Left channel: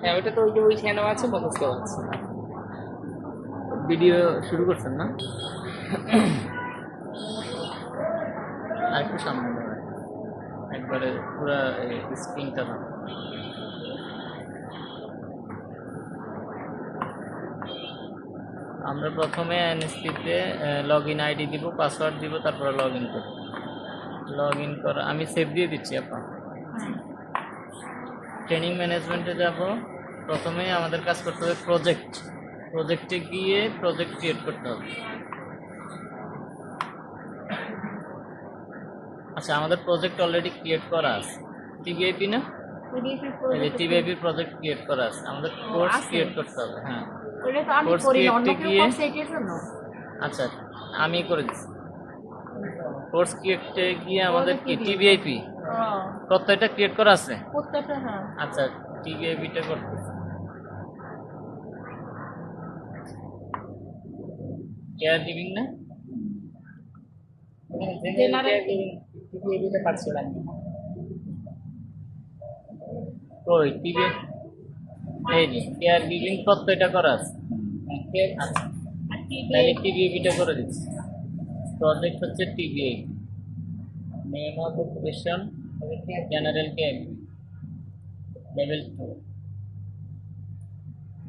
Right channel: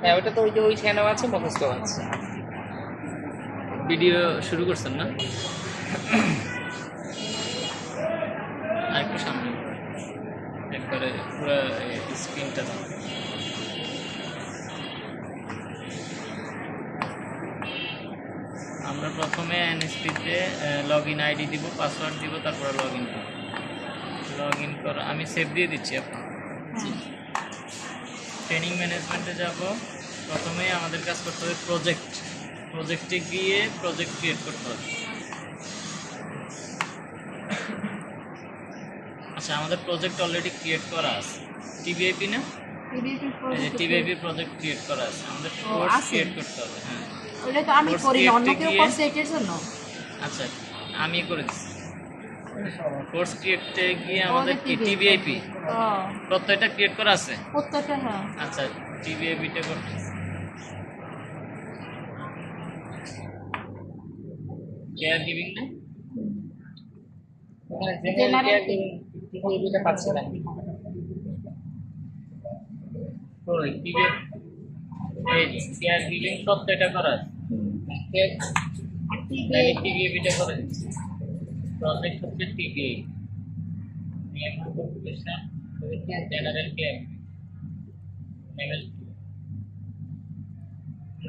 হ্যাঁ, ওটা তো ওই যে ওইখানেও আছে, মুখস্থ আছে। ভিডিও শুরু করছেন না? আর একটু সামনে একবারে পুরো স্ক্রিনটা না। আমরা প্রথমে এনএসপিতে লগ ইন আইডি দিব, পাসওয়ার্ড দিব, তারপরে লগ ইন করব। লগ ইন করা আমি সেভ দিয়ে দিচ্ছি এখন। ট্রেনিং ম্যানেজমেন্টে যাব। প্রথমে আমাদের কাজ করতে হবে প্রজেক্টে গিয়ে প্রজেক্ট ক্রিয়েট করতে হবে। আচ্ছা, আমাদের প্রজেক্ট অলরেডি ক্রিয়েট করা আছে। টিবিআইপি না, এই যে টিবিআইপি প্রজেক্ট ক্রিয়েট করা আছে, আমাদের কোর্স ক্রিয়েট করতে হবে। হ্যাঁ, ওটা তো আমি কোর্স করি না, অন্য ক্রিয়েটে কেউ গিয়ে করছে এটার জন্য। আচ্ছা আমি করে দিচ্ছি। কোর্স ক্রিয়েটে গিয়ে আমাদের কি টিবিআইপি প্রত্যয়টা ক্রিয়েট করা আছে। প্রত্যেকটা হ্যাঁ। আচ্ছা, টিবিআইপিটা করতেছি। কেয়ার গিভিং না, ওখানে জেনারেল কেয়ার টিভিটা পাচ্ছিলাম। ওই টিবিআইপি এই যে কেয়ার গিভিং প্রত্যয়টা করা আছে। আর তাহলে টিবিআইপিটা করে দিচ্ছি। প্রজেক্ট হচ্ছে TBIP, name of occupation general care level 2।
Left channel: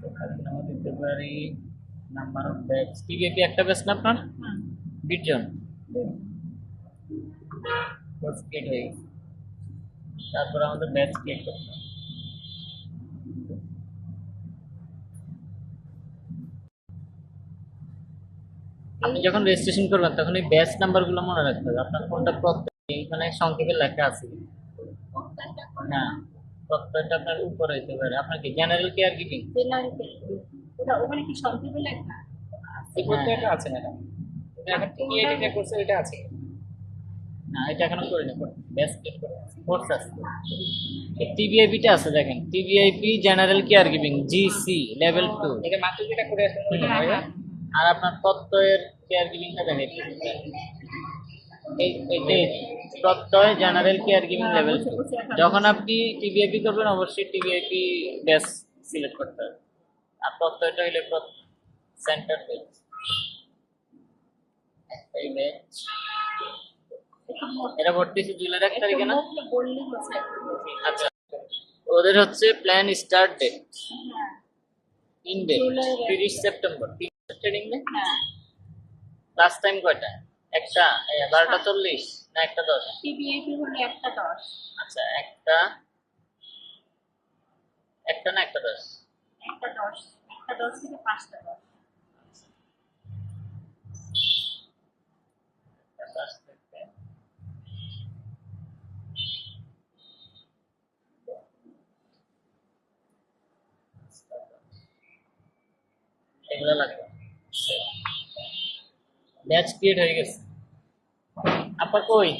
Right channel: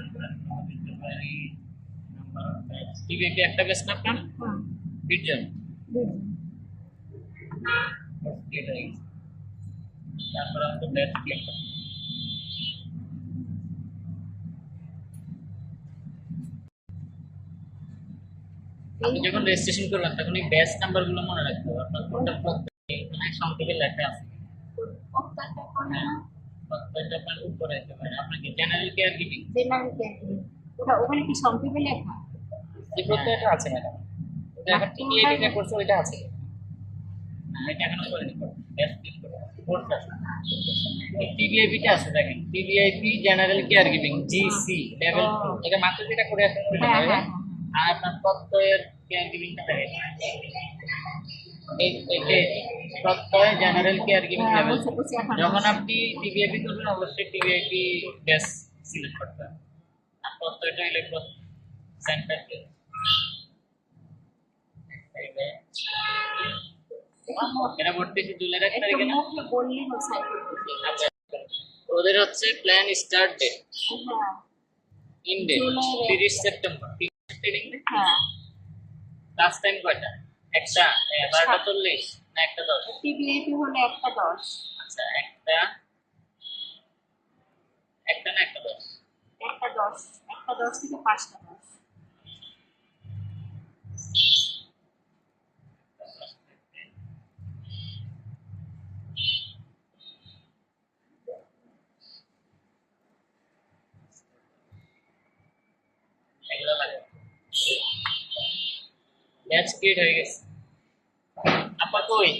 আমরা দিতে পারি নাম্বার অফ ব্যাচ। টিবিআইপি একটা ব্যাচ না আপনার 20 জন। কোর্স ক্রিয়েট হয়ে গেছে, তারপর আমাদের ব্যাচ ক্রিয়েট করতে হবে। আপনি যখন রেজিস্ট্রেশন করবেন তখন এই ব্যাচ নাম্বারগুলো মনে রাখতে হবে। আপনার কোনটা প্রত্যয় মানে সংক্ষেপে লেখা আছে। হ্যাঁ, প্রত্যয়টা আপনার উপরে হতে পারে। আপনার কি জেনারেল কেয়ার গিভিং? জেনারেল ওটা ওখানে কি সংক্ষেপে লেখা? এই প্রত্যয়টা আছে ম্যাডাম, এটা এখন টিভিটা করছে, ওইটা আছে না, এটা এখনো করিনি। ব্যাচ ক্রিয়েট করে কোর্স আছে। এই টিবিআইপিটা আছে, দেখেন TBIP general care giving GC level 2। এটা মাত্র যেটা করে আসলে ওইটা হ্যাঁ, নয়। হ্যাঁ, আর আপনার তত্ত্বের কেয়ার গিভিংটা দেখেন, এই প্রত্যয় জেনারেল কেয়ার গিভিং হ্যাঁ, লেভেল বুঝতে পারছি, এখন যখন আপনি টিবিআইপি করবেন অবশ্যই টিবিআইপি ব্যাচ সিলেক্ট করতে হবে। আর প্রত্যয়টা হইলে সেন্টার ব্যাচ। এই ব্যাচ এটা ভর্তি হচ্ছে জুলাইয়ের 1 তারিখে না? বললি আচ্ছা, ওদের হচ্ছে প্ল্যান স্টার্ট ডেট হ্যাঁ ইন ডেট জুলাইয়ের 30 সেপ্টেম্বর। ট্রেনিং না হ্যাঁ। ক্লাস টাইম কয়টা? একটা 12:40 না 1:10? টিবিএপি হলো 1:10। আচ্ছা, একটা না 1:10? 1:10, 1:10 থেকে 5:10। এগুলো লাগবে। ব্যাচ ক্রিয়েট হয়ে গেছে। আপা কই?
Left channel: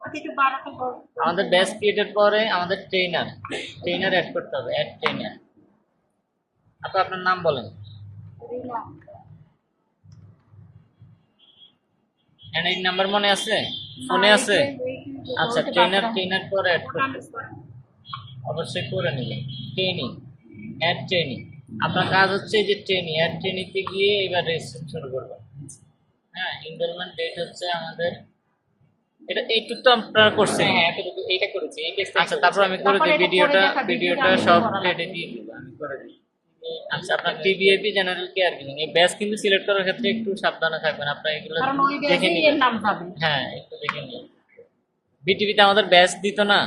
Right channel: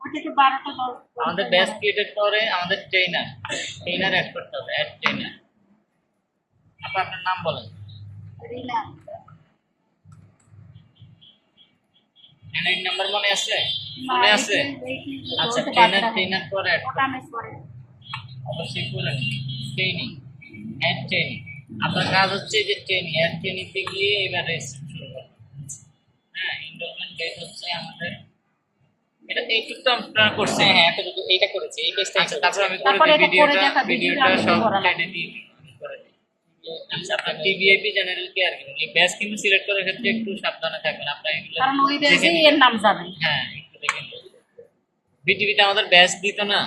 ওটা তো 12:10। আমাদের ব্যাচ ক্রিয়েটের পরে আমাদের ট্রেনার অ্যাড করতে হবে। Add trainer. আপা আপনার নাম বলেন। রিলা এনআইডি নাম্বার মনে আছে? ফোনে আছে? আচ্ছা, ট্রেনার পরে অ্যাড করতে অবশ্যই করে নেবেন। Training add training. আপনার কাজ হচ্ছে যে ট্রেনিং অ্যাড ট্রেনিংতে গিয়ে এবার রেজিস্ট্রেশন শুরু করবেন। হ্যাঁ, এনরোলমেন্ট ডেট হচ্ছে আমাদের এটা এইটুকু তো আপনারা করছেন। হ্যাঁ, এতটুকু এইটা করেছে, এই পেজটা। আচ্ছা, তারপর আমি করে তারপরে দিই এটা করে ভিডিওটা। দেখা, ভিডিওটা ভিডিওটা সব আমি টেডে দিয়ে দিব, আমি করে দিই। আচ্ছা, আপনার টিবিআইপি জেনারেল কেয়ার গিভিং এই ব্যাচ কিন্তু সিলেক্ট করার ক্ষেত্রে একটু সাবধানে থাকবেন। আপনারা এগুলো কারণ ওই দেখে ব্যাচেই নিবেন। এর নাম যাবে। হ্যাঁ, একটু দেখে নিন। বিটিভিতে আমাদের ব্যাচ দিত না,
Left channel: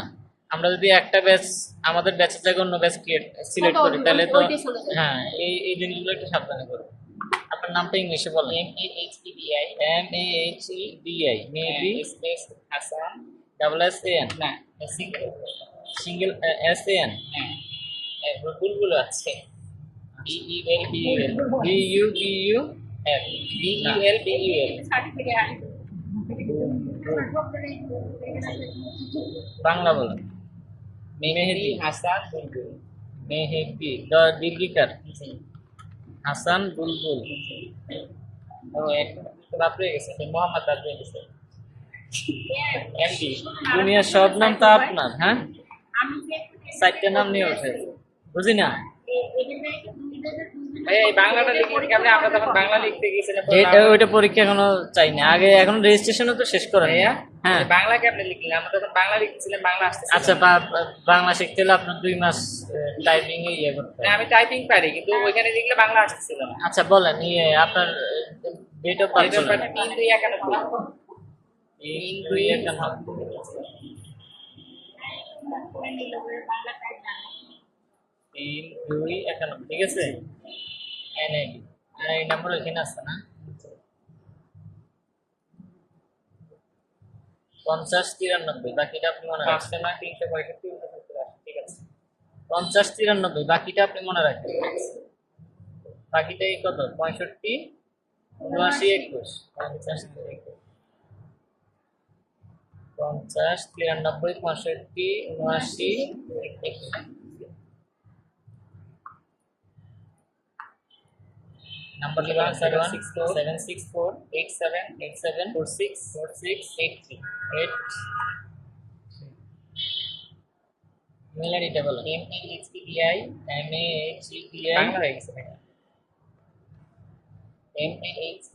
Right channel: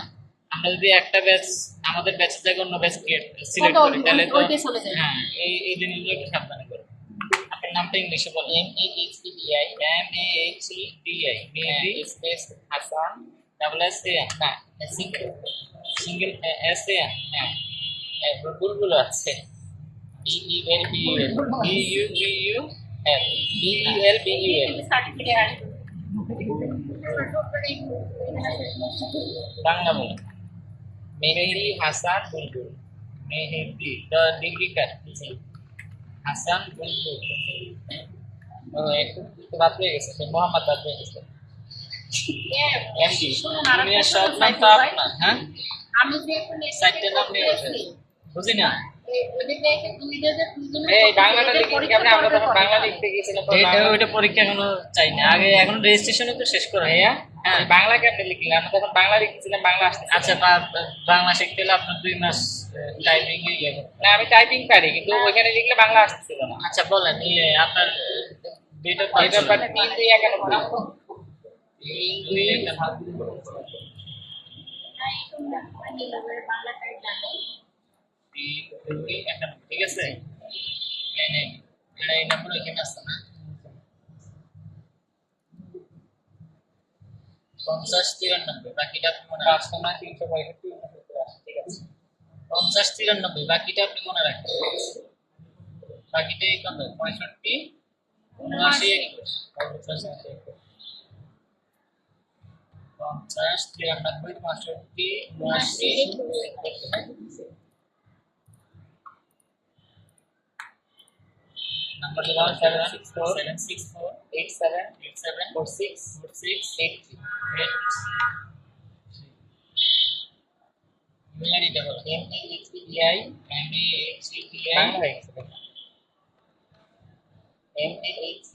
আমরা যদি একটা ব্যাচ আমাদের ব্যাচের জায়গায় অন্য ব্যাচ সিলেক্ট করি তাহলে তো ওইটাই চলে যায়। হ্যাঁ, এই জিনিসগুলো একটু সাবধানে করুন। আপনার নামটা ইংলিশে বলেন। MAHEDI MAHEDI মেহেদি স্পেস হাসান ডাবল SAN না সিঙ্গেল সিঙ্গেল SAN। হ্যাঁ বুলবুল আছে BEL BUBUL সার্টিফিকেট আসবে। বাংলা বলেন। মেহেদি হাসান বুলবুল। মেহেদি দীর্ঘিকার হাসান বুলবুল। ও একটু বাদ হয়ে গেছে, মোহাম্মদ বাদ হয়ে গেছে। MD দুনিয়ার সব নাম তো আপনার। হ্যাঁ, আমি যে এখন সাইটটার নাম নিয়ে ওঠে বুঝি না এদের দেখে দুইজনের ভাই এই বাংলাটা লিখে লিখে আপনি আমরা তখন বাংলা লিখতে গিয়েছিলাম পরে এটা বাংলা- ওইটা পরীক্ষা এখনো চাই না আগে এখন রেজিস্ট্রেশনও তো শেষ করে ভাইয়া হ্যাঁ এই বাংলা কেমনে লিখলেন আমরা তখন বাংলা লিখতেছিলাম বাংলা আসতেছে আচ্ছা বাংলা শিখতে হলে আপনার 2 মাস টাইপিং এ ইয়ে করতে না হবে। আমি টাইপিং পারি কিন্তু ওইখানে লিখলে বাংলা আসতেছিল না আচ্ছা বলেন ইয়ে আপনার ডেট অফ এটা বাট 3-2-91 করে নিল বাংলা টাইপ জানে 3-2-91 ঠিক আছে এনআইডি এনআইডি নাম্বার ওইখানে আছে না 50-93 বাকিটা আপনি মনে রাখবেন 5 না 365 ঠিক আছে 50-93 বাকিটা আপনি মনে রাখবেন বাকিটা এই কত 65-79-21 50-93-65-79-21 নাম্বার লিখুন 764-87-46-83 মেল আইডিটা বলো MAHPDI MAHEPI বাংলা হয়ে গেছে ভাই MAH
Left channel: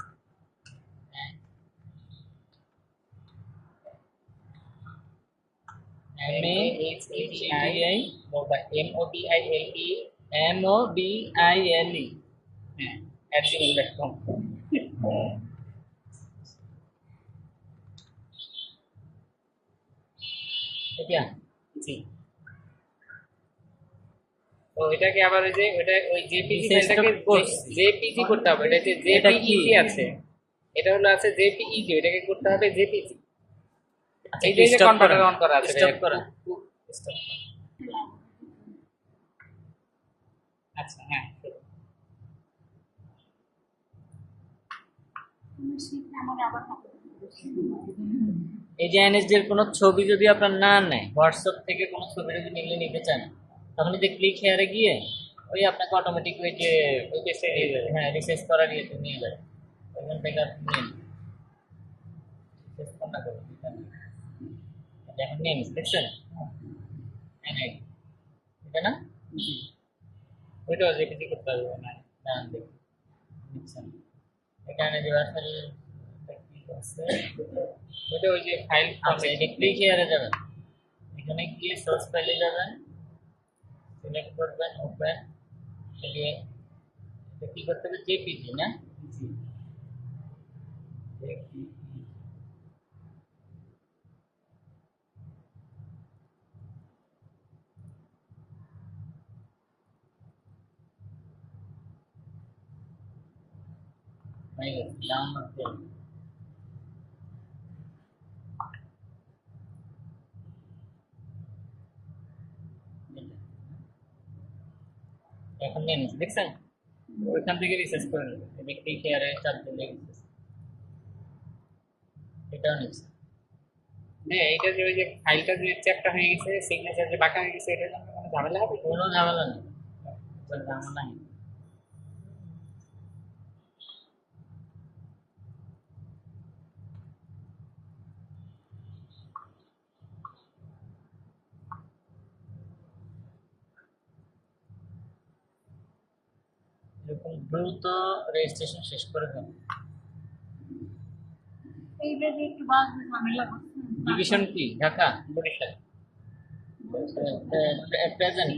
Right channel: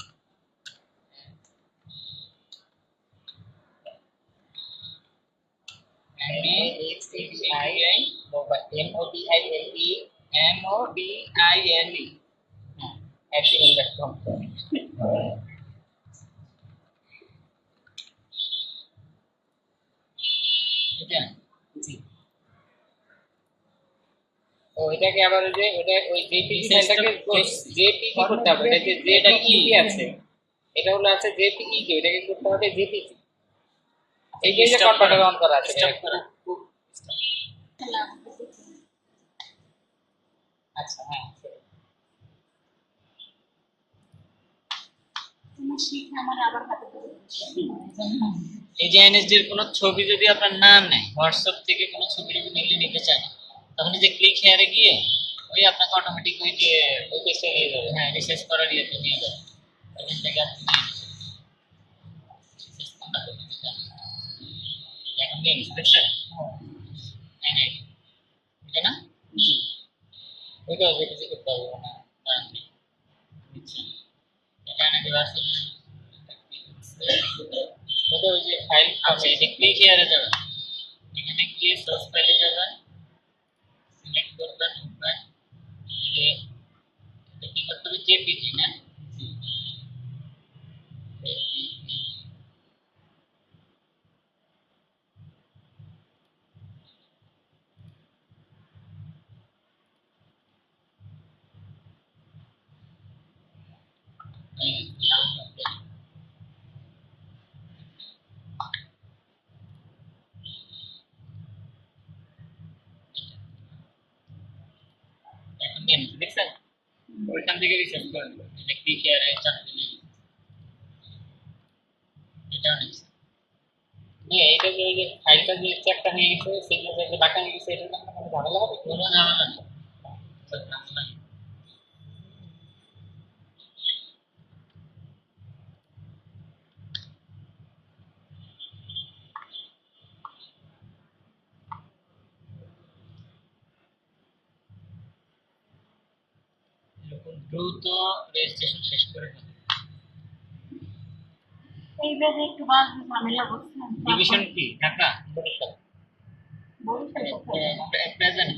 MAHEPI MOBILE MOBILE হ্যাঁ @gmail.com এটা জি তো এটাকে আবার ওই যে ওটা ওই জেপিজি ফাইলটাকে জেপিজি করতে হবে এটা যে এটা কি? জেপিইজি আছে এটা হলো আছে জেপিইজি এটাকে করতে হবে জেপিজি এই যে stop কনভার্টার করা। অন করা আছে Stop করা। stop। আচ্ছা হ্যাঁ তুমি শিখে আমার আবার হাতে ধরে এই যে এনএসডি এর কোনো ছবি যদি আপনার না নেয় হোয়াটসঅ্যাপ থেকে কোনো ছবি যদি নিলে নিতে চায় না তখন এই যে ক্লিক হেয়ারে গিয়ে ওই আপনাকে অটোমেটিক ওই যে ওই পেজটা নিয়ে যাবে হ্যাঁ রিসার্চ করার ইয়েতে নিয়ে যাবে ওইখান থেকে আপনি নিয়ে নেবেন রিসার্চ কোনটা করবেন এখন নিয়ে নিন দেখছেন এনআইডি এটা না জি ওইটাও জেপিজি করতে হবে মনে হয় দাঁড়ান দেখি নিচ্ছেন এটা এনআইডি ভার্সন কি করছে ওইটা ওই যে ফাইল আচ্ছা এটা ক্লিক হেয়ারে যাবেন এখানে গিয়ে সোর্স ফাইলে যাবেন সিলেক্ট করবেন ওপেন এই এটা কি করতে হবে জেপিজি না জি জেপিজি এই ডাউনলোড করে এখন নিয়ে নিচ্ছি দেখছেন ওইখান থেকে রিসার্চ করে নেবেন এটা ক্লিক হেয়ারে চাপ দিলে এটাও নিচ্ছে হ্যাঁ এইটা যে ওই যে ফাইলটা যে চেকটা হয়ে গেছে সিগনেচার যে বাঁকা হয়ে গেছে এটার জন্য কোনো ঝামেলা হবে কোনো ঝামেলা নেই কোনো ঝামেলা নেই এরকম দ্রুত রেজিস্ট্রেশন শেষ করে দেন এইভাবে একটু বাস ঝামেলা হচ্ছে ডিভিশন কি Dhaka Barishal present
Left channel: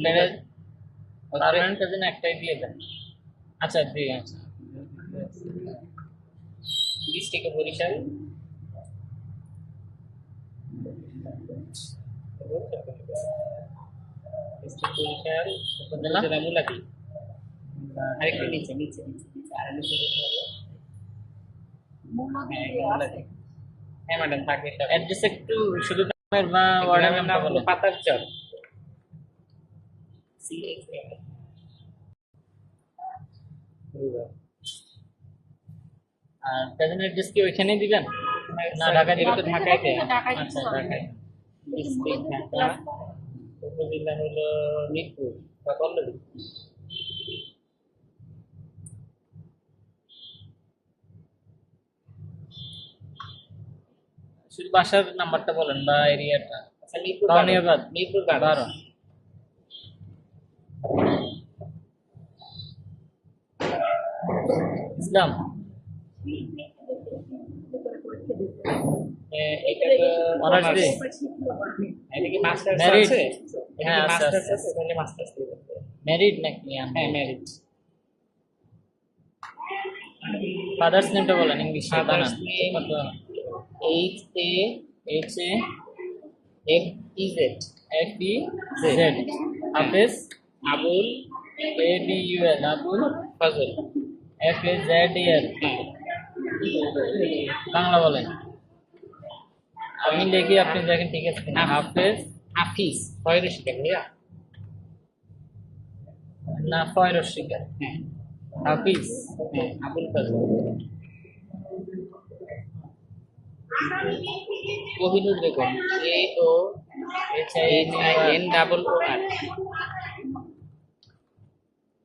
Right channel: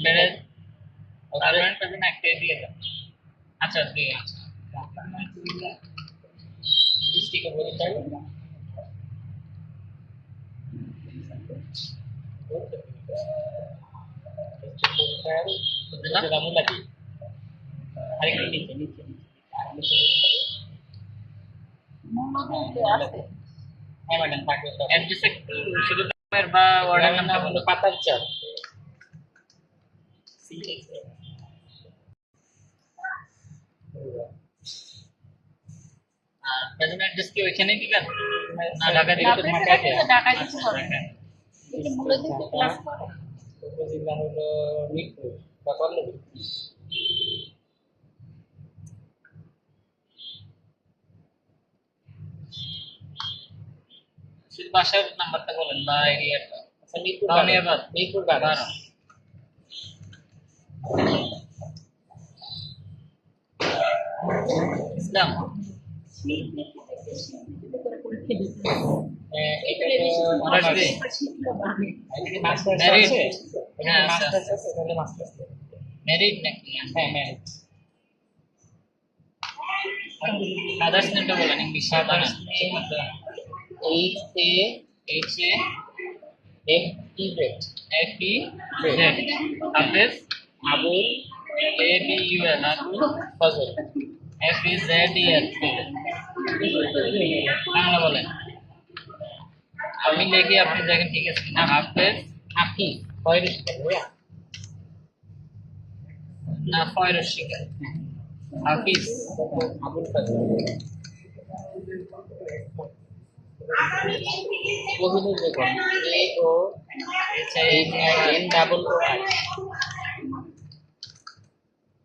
permanent present একটাই দিয়ে দেন আচ্ছা দিয়ে আচ্ছা ডিস্ট্রিক্ট বরিশাল ডিস্ট্রিক্ট বরিশাল উপজেলা জেলা মুলাদি আরেকটু নিচে নিচে নিচে নিচে আর নিচে যেতে হবে হ্যাঁ মুলাদি হ্যাঁ ম্যাডাম থাকবে সব অ্যাড্রেস একটু শুধু গ্রামের বা ওয়ার্ডের গ্রামের নাম নাম হলো পাতারচর আর প্রেজেন্ট অ্যাড্রেস কি ওইখানেই দিবেন না ঢাকা ঢাকা থেকে দিকে তো ঢাকায় দেয় ঢাকায় দিতে আচ্ছা হবে দেখেন এই যে মূলত ঢাকা ক্লাস করে উপজেলা হলো মিরপুর বা পল্লবী শুধু বাসার নাম্বারটা বলেন বা এরিয়াটা আচ্ছা মিরপুর ধন্যবাদ। মিরপুর 12 ইসলাম শীত দেখে দেখে শীত দেখে করে পরীক্ষা দিতে এটা তো অনার্স অনার্স দিয়ে। শিখলো পাবে এটা কি মাস্টার্স Merit? আছে এটা হ্যাঁ, কি আছে, মাস্টার্স আছে। আছে তাহলে মাস্টার্স দিতে হবে। মেরিট নাকি হ্যাঁ মেরিট ফাদার্স নেমটা বলেন English father's name H A H A F E Z F E Z Hafez Abul A B U L Abul Fazal F A Z E L Bangla বলেন আমি দেখি আপনি দেখেন ঠিক আছে কিনা হাফেজ হাফিজ ফয়রুল শিকার ভাইয়া না ফয়রুল শিকার হ্যাঁ Hafiz Abul Fazal Kohinoor Begum A O H H I N double O R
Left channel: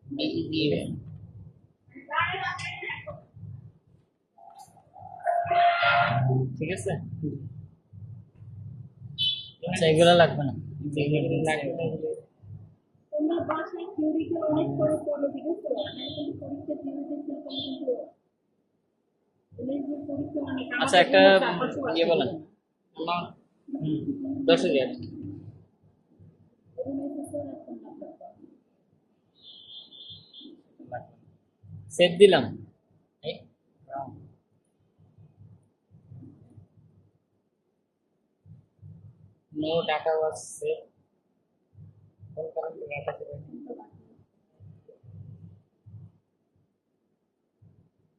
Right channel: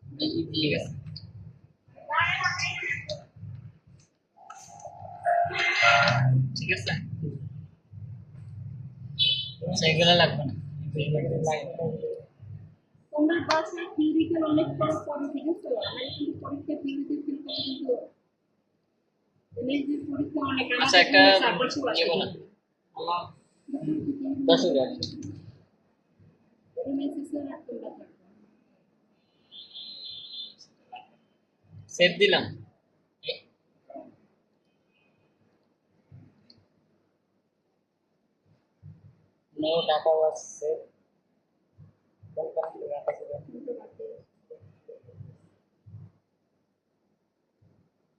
B E ঠিক আছে আচ্ছা এগুলো লাগবে না তোমরা বাসে থিওরিক্যাল অনেক পড়ো ঠিক আছে আমি কিন্তু পরীক্ষা থিওরিতে ফিল করলে কিন্তু এমএসসি পরীক্ষা অনেক আচ্ছা একটা ইয়ে বলেন আমার 10,000 এমএসসি স্যার রাখতে পারবে সেভ দিলাম no data was saved কোন কারণে data ছিল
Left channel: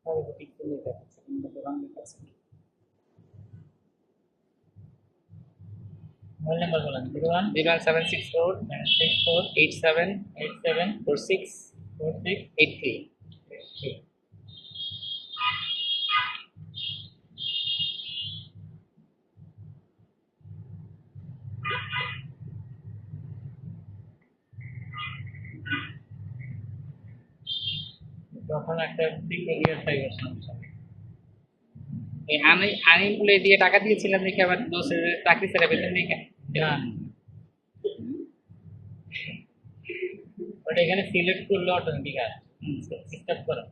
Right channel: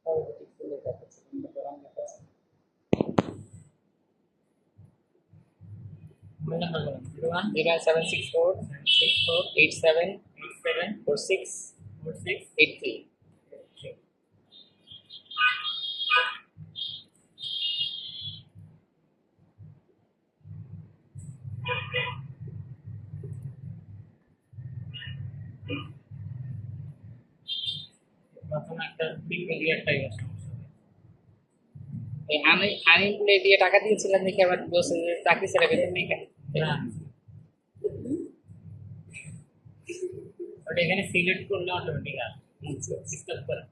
তাহলে তো ঠিক করে দেখাচ্ছে কিন্তু রং দেখাচ্ছে মোবাইল নাম্বার বলেন 01764 87 87 46 46 83 তখন একটা ঠিক করে একটা সমস্যা এই আনিমুলে দিয়ে টাকা দিয়েছিলাম দেখে আবার দোষে চাকরি ছেড়ে বেতন নেই কেন না ওটা এখানে সিলেক্ট করলে অটোমেটিক আসে স্টপ করা